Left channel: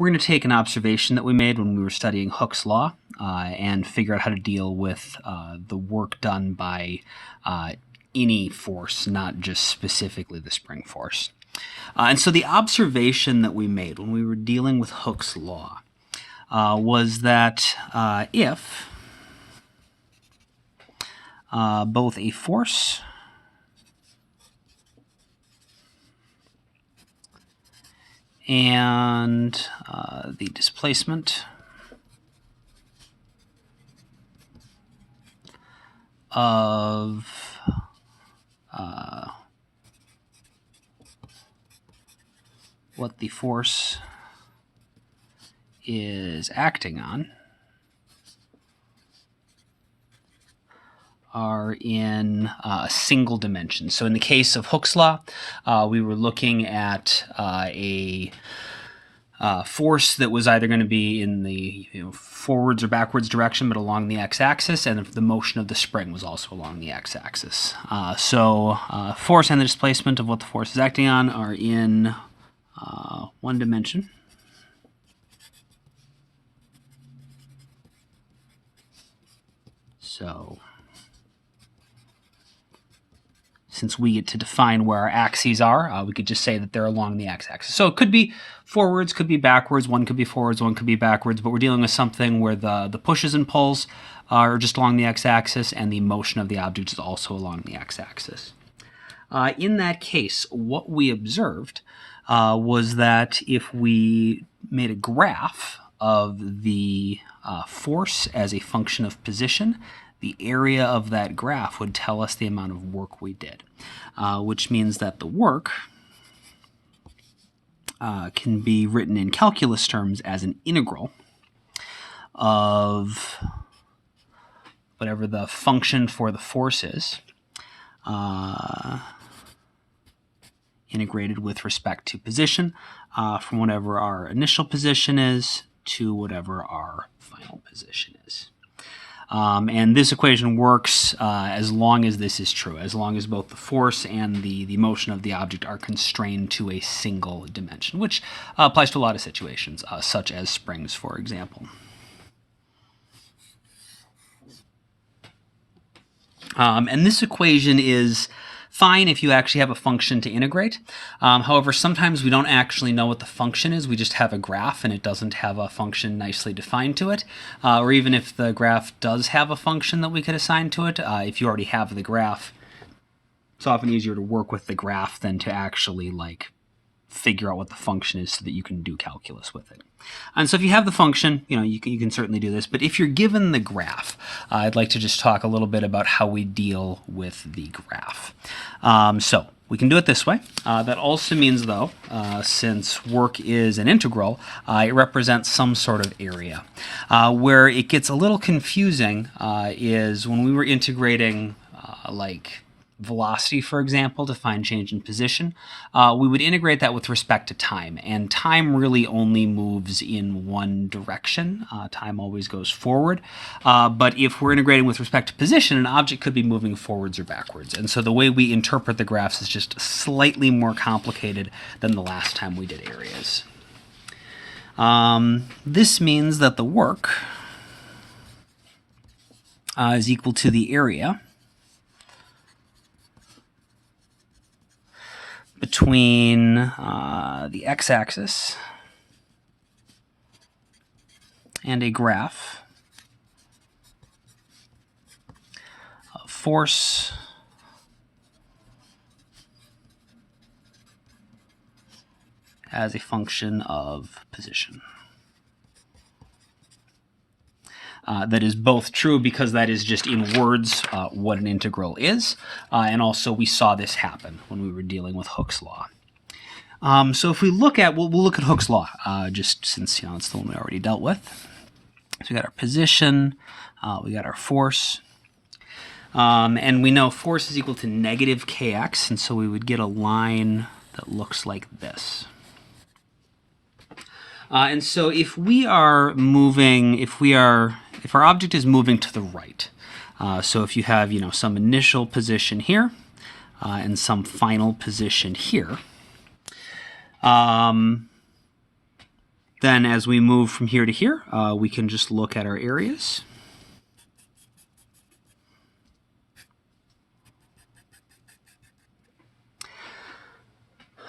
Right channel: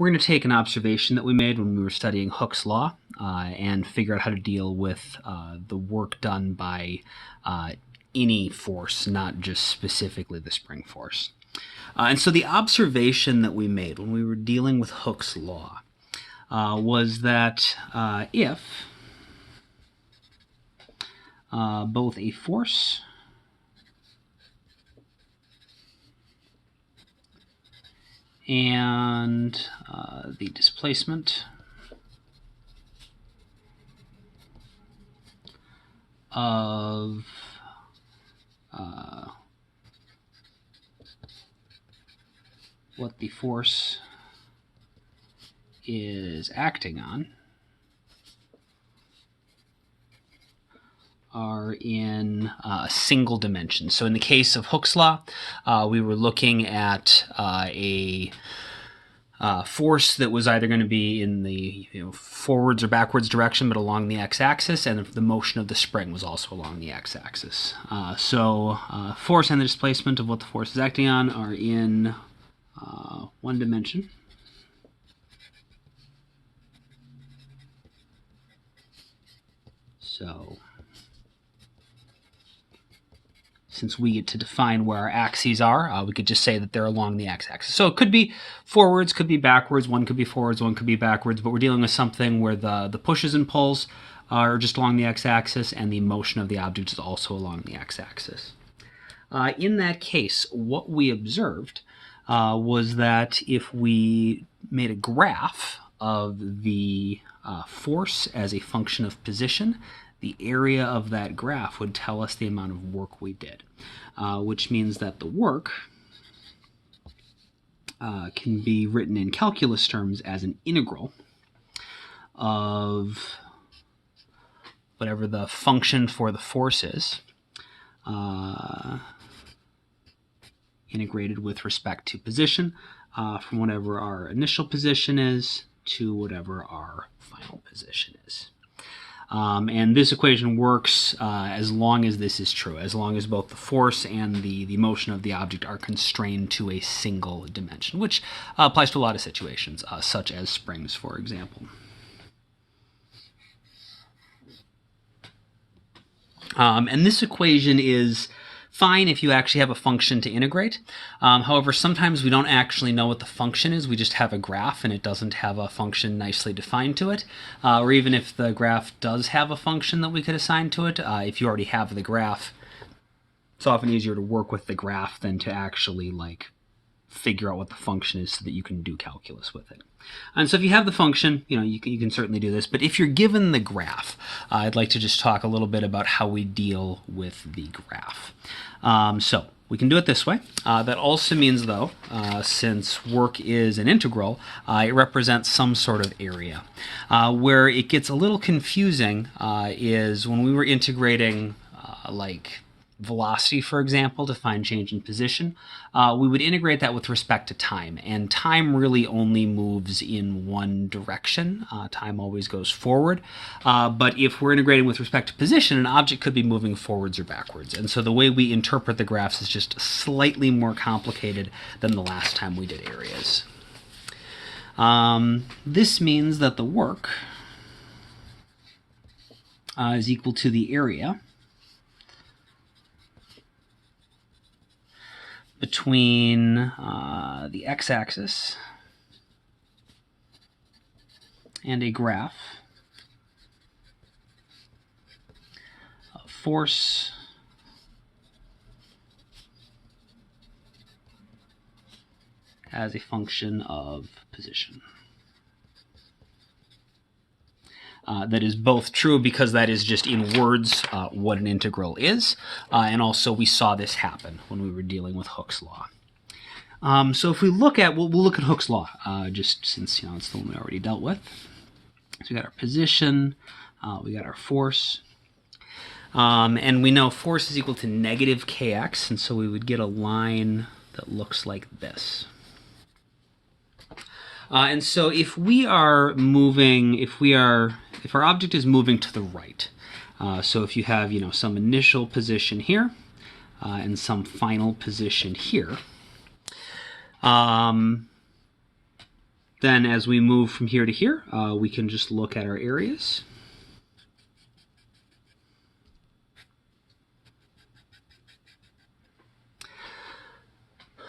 we're going to take an observation that we made when we were studying Hooke's law and figure out how to deal with the work done by any force, not just specifically the spring force. And so the observation that we made when we were dealing with Hooke's law was that if both a force and the displacement of what the force is acting on are in a single dimension. So in the case of Hooke's law, we were looking at a force that was either going to be in the forwards or backwards direction, but along the x-axis, and the motion of the spring was also along the x-axis. So force and the displacement of what the force is acting on are in one dimension. So since we get to define where our axes are, we could just say that they're along the x-axis. So it could be forwards, could be backwards, one could be forwards, one could be backwards, but we're dealing with something where the pushes and pulls are just along the x-axis and the motion of the object is also along the x-axis. In that case, what we observed was that if we made a graph of the force as a function of position, the area of that graph would tell us the amount of work we did, which means that the work can be written in calculus terms as an integral of whatever the function for the force is, integrated with respect to position, from whatever our initial position is to whatever our final position is. And this equation works as long as this is true, as long as both the force and the motion of the object are constrained to a single dimension, which applies to a lot of situations, such as springs, for example. And this equation is fine if you actually have a function to integrate. However, sometimes we don't actually know what the function is. We just have a graph and it doesn't have a function nicely defined to it. Or even if the graph does have a function that we could assign to it, if you already have the graph, it's often easier to work with the graph than to actually figure out what the function is so that you can do calculus with it. And so if you have the function, you can certainly do this. But if you're given the graph, I'd like to just talk a little bit about how we deal with the graph. So we can do it this way. That also means, though, since work is an integral, it represents some sort of area. Where it gets a little confusing is when we were integrating velocity, for example, to find change in position, we would integrate that with respect to time. And time really only moves in one direction. Time always goes forward. But if we're integrating with respect to position, an object could be moving forwards or backwards. And so the way we interpret the graphs is just slightly more complicated than the last time we did areas. This means that the work is equal to the area between the x-axis and a graph of force as a function of position. That is both true because that is just in words what an integral is, and also we saw this happen when we were dealing with Hooke's law. So if we look at, we'll look at Hooke's law, just since it's the one we already dealt with. So we got our position, we got our force, and we know force is equal to negative kx, and so we would get a line that looks like this. And so if we are moving, if our object is moving to the right, so if you have, some initial position here and some final position here, Then as we move from here to here, we can just look at our areas.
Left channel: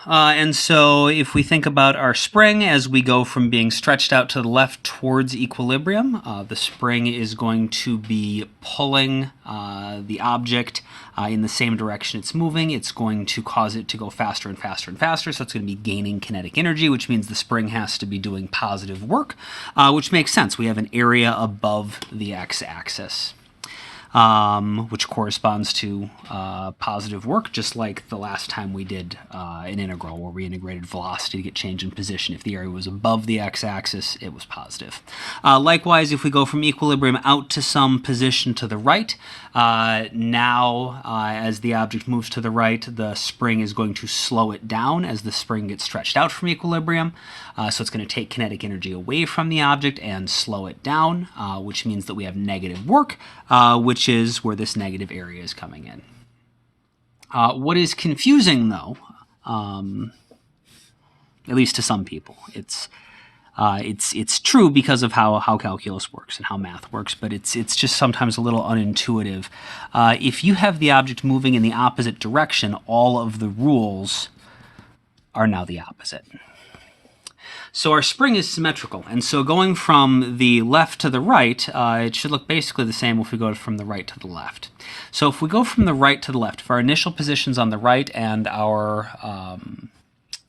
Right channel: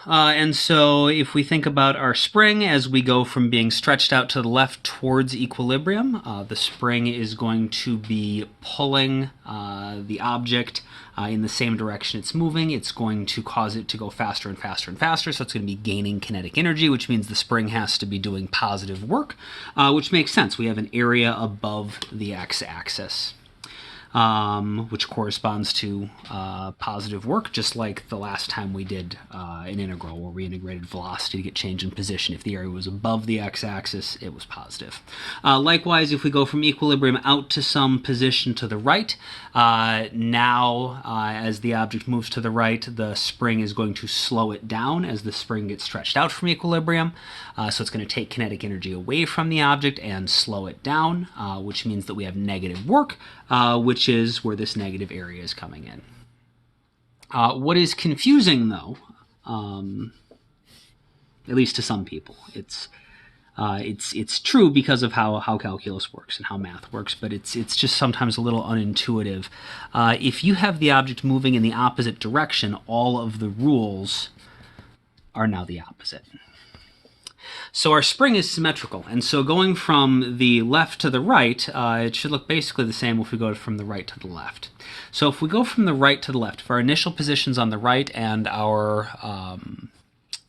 And so if we think about our spring as we go from being stretched out to the left towards equilibrium, the spring is going to be pulling the object in the same direction it's moving. It's going to cause it to go faster and faster and faster, so it's going to be gaining kinetic energy, which means the spring has to be doing positive work, which makes sense. We have an area above the x-axis. Which corresponds to positive work, just like the last time we did an integral where we integrated velocity to get change in position. If the area was above the x-axis, it was positive. Likewise, if we go from equilibrium out to some position to the right, now as the object moves to the right, the spring is going to slow it down as the spring gets stretched out from equilibrium. So it's going to take kinetic energy away from the object and slow it down, which means that we have negative work, which is where this negative area is coming in. What is confusing, though, at least to some people, it's true because of how calculus works and how math works, but it's just sometimes a little unintuitive. If you have the object moving in the opposite direction, all of the rules are now the opposite. So our spring is symmetrical, and so going from the left to the right, it should look basically the same if we go from the right to the left. So if we go from the right to the left, if our initial position's on the right and our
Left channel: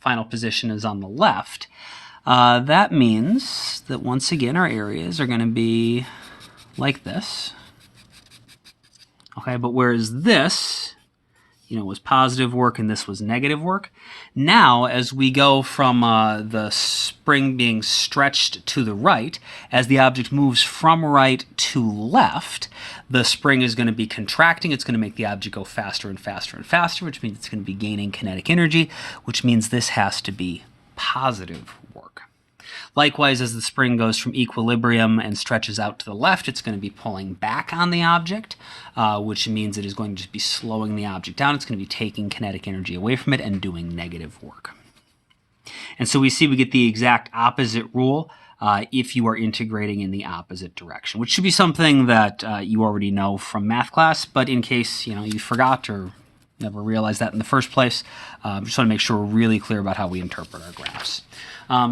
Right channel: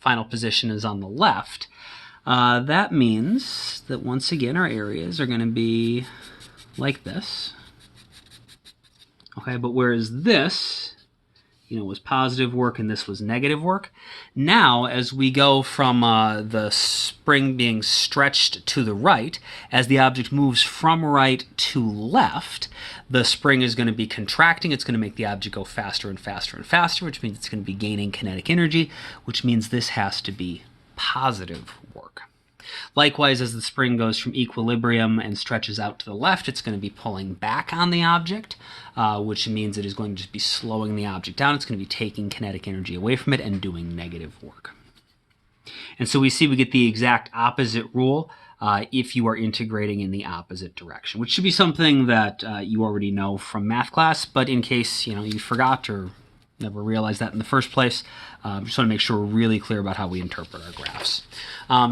final position is on the left, that means that once again our areas are going to be like this. Okay, but whereas this, was positive work and this was negative work. Now, as we go from the spring being stretched to the right, as the object moves from right to left, the spring is going to be contracting. It's going to make the object go faster and faster and faster, which means it's going to be gaining kinetic energy, which means this has to be positive work. Likewise, as the spring goes from equilibrium and stretches out to the left, it's going to be pulling back on the object, which means it is going to be slowing the object down. It's going to be taking kinetic energy away from it and doing negative work. And so we see we get the exact opposite rule if you are integrating in the opposite direction, which should be something that you already know from math class, but in case you forgot or never realized that in the first place, just want to make sure we're really clear about how we interpret our graphs.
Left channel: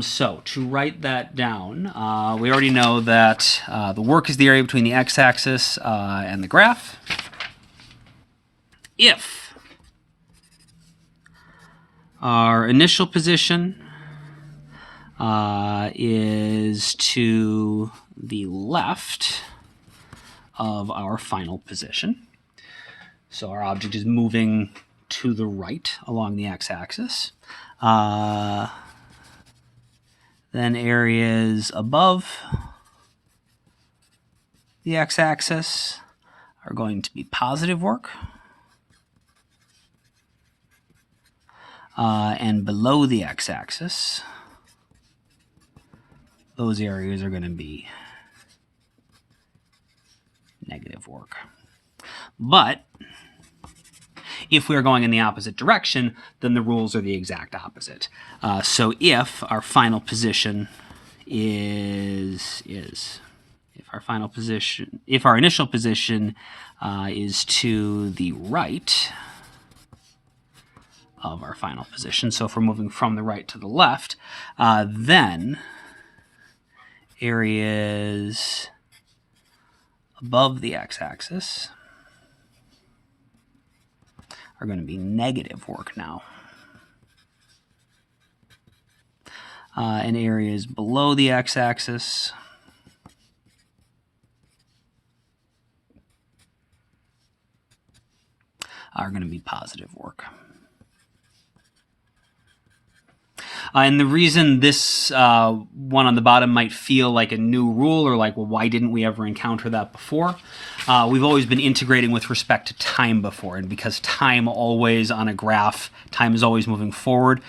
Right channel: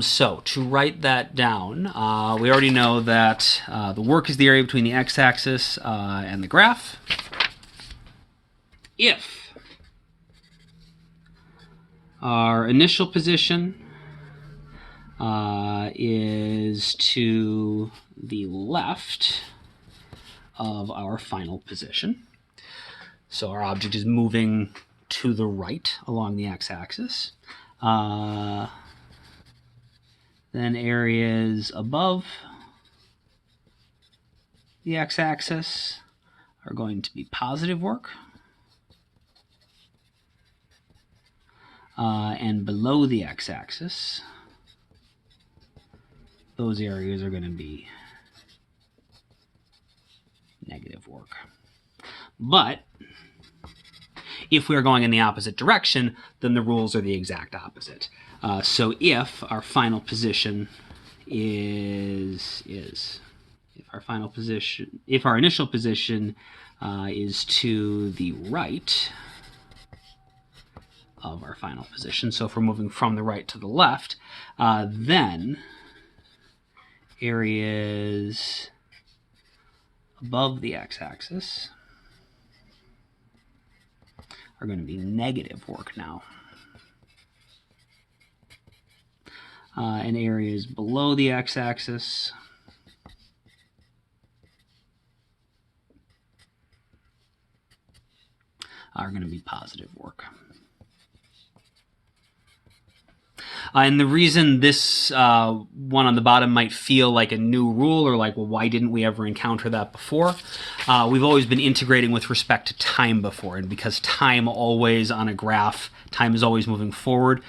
So to write that down, we already know that the work is the area between the x-axis and the graph. If our initial position is to the left of our final position, so our object is moving to the right along the x-axis. Then areas above the x-axis are going to be positive work. And below the x-axis, those areas are going to be negative work. But if we're going in the opposite direction, then the rules are the exact opposite. So if our final position if our initial position is to the right of our final position, so if we're moving from the right to the left, then areas above the x-axis are going to be negative work now. And areas below the x-axis are going to be positive work. And the reason this one on the bottom might feel like a new rule or like, well, why didn't we ever encounter that before? We've always been integrating with respect to time before, and because time always on a graph, time is always moving forward,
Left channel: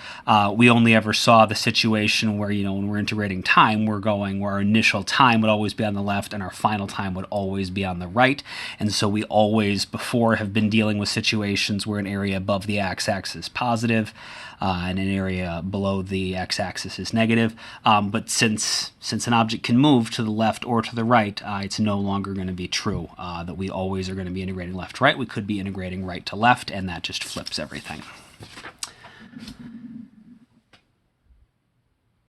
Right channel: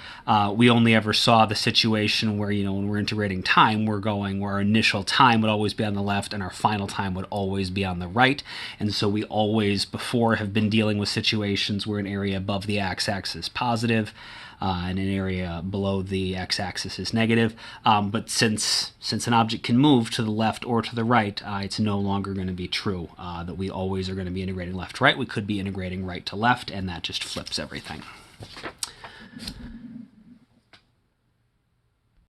we only ever saw the situation where, when we're integrating time, we're going where our initial time would always be on the left and our final time would always be on the right. And so we always before have been dealing with situations where an area above the x-axis is positive, and an area below the x-axis is negative. But since an object can move to the left or to the right, it's no longer going to be true that we always are going to be integrating left to right. We could be integrating right to left, and that just flips everything.